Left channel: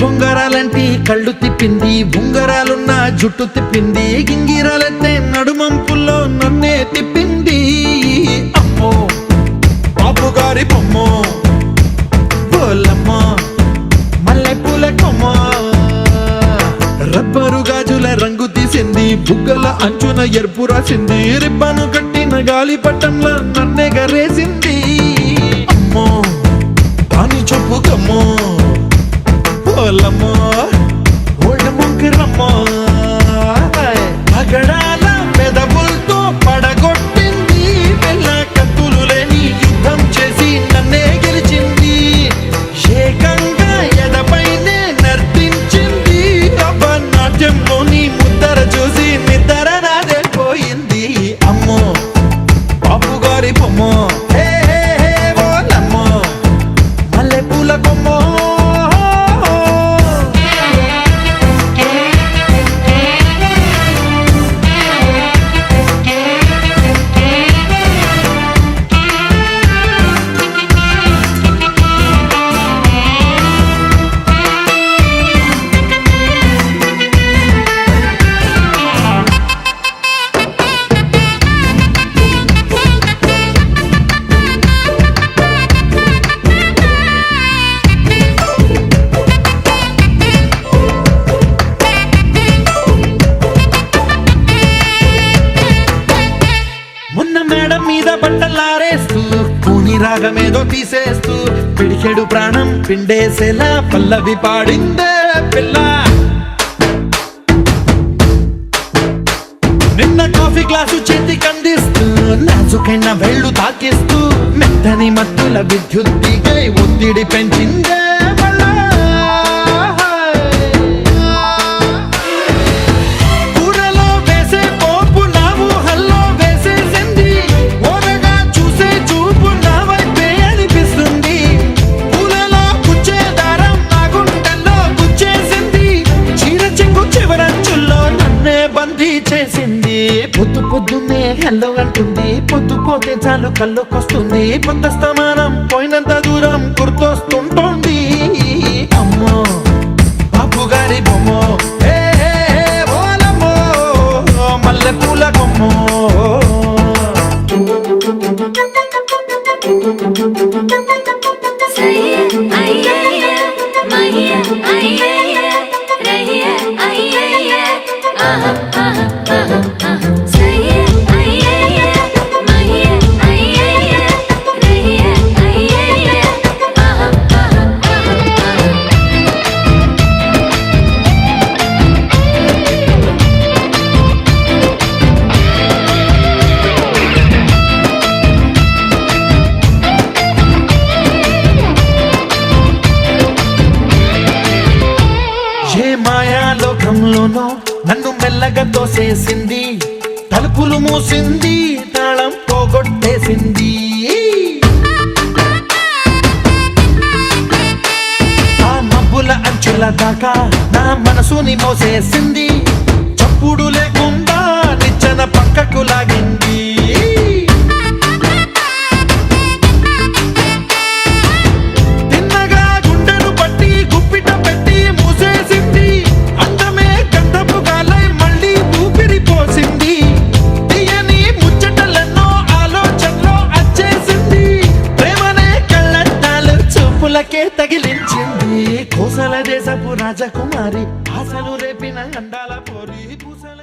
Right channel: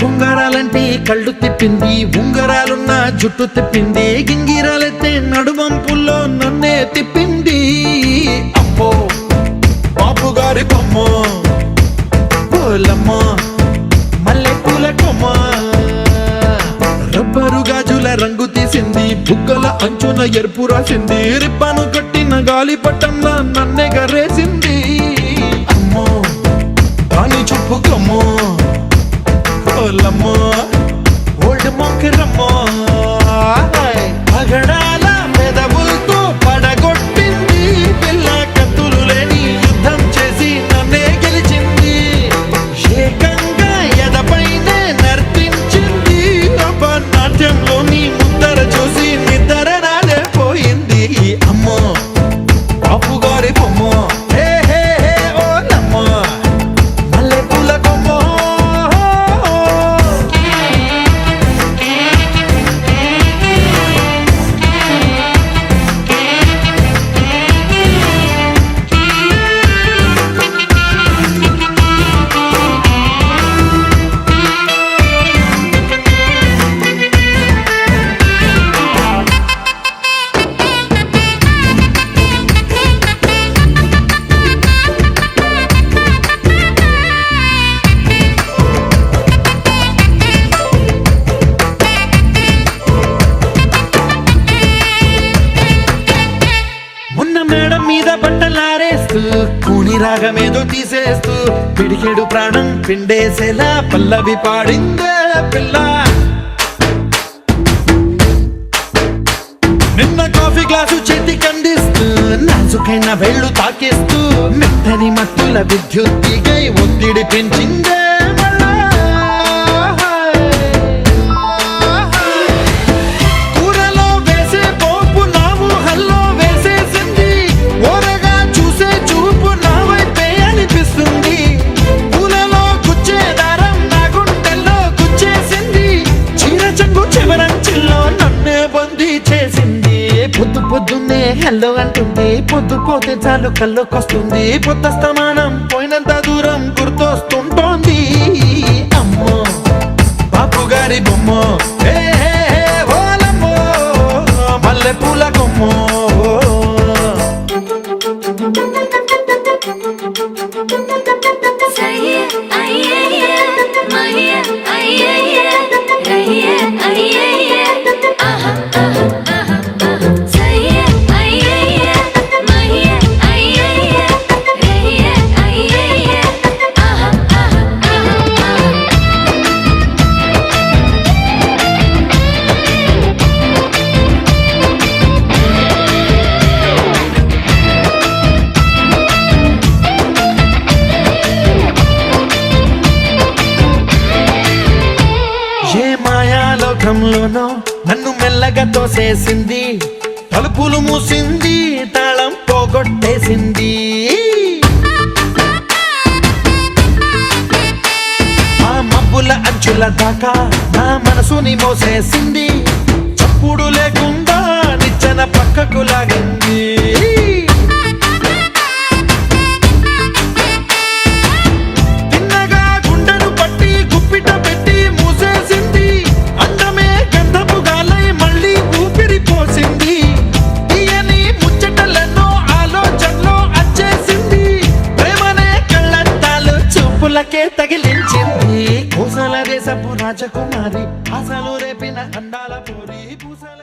బొంగరాలంటే కళ్ళు తిప్పింది, ఉంగరాలున్న జుట్టు తిప్పింది, గింగిరాలెత్తే నడుమంపుల్లో నన్నే తిప్పింది. అమ్మో బాబు గారి బొమ్మ, పోలమ్మ మల్లె పూల కొమ్మ, రబ్బరు గాజుల రంగు తీసింది, బుగ్గల అంచున ఎరుపు రాసింది, రిబ్బను కట్టిన గాలిపటంలా నన్నే గరేసింది. అమ్మో దాని చెప్పుకమ్మో, పోలమ్మో ఓల్డ్ మొంకిరమ్మో, పగడాల పెదవులతో పడగొట్టింది, పిల్ల కత్తులు లేని యుద్ధం చేసి నన్నే గెలిచింది, ఏకంగా ఎదపైనే నర్తించింది. నాట్యంలోని ముద్దర చూసి నిద్ర రానే పోయింది. అమ్మో బాపు గారి బొమ్మ, హే హే హే ఓలమ్మో మల్లె పూల కొమ్మో. మేడం మీద బట్టలారేస్తూ కూని రాగమేదో తీసేస్తూ పిడికెడు ప్రాణం పిండేసేలా పల్లవి పాడిందే పిల్ల. నిన్న కాఫీ గ్లాసు చేతి కందిస్తూ నాజుకైన వేళ్ళు తాకేస్తూ మెత్తని మత్తుల విద్యుత్తిగై ఒత్తిడి పెంచిందే మళ్ళా. చివరంచుల్లో నన్నే బందీ చేసింది, పొద్దు పొద్దున్నే హెల్లో అంటుంది, పొద్దు పోతే చాలు కళ్ళొకొస్తుంది, పొద్ద స్తమానం పోయినంత దూరం గుర్తొస్తుంటోంది. అమ్మో బాపు గారి బొమ్మ, హే హే హే ఓలమ్మో మల్లె పూల కొమ్మో. ఏ మాయాలోకంలోనో నన్ను మెల్లగా తోసేసింది, తలుపులు మూసింది, తాళం పోగొట్టేసింది. ఆ మబ్బుల అంచుల దాకా నా మనసుని మోసేసింది, చప్పుడు లేకుండా నిచ్చెన పక్కకు లాగింది. పులకే తగిలించింది, కోసల దేశపు రాజకుమారి, ఆశలు రేపిన అండాల పోరి పూసల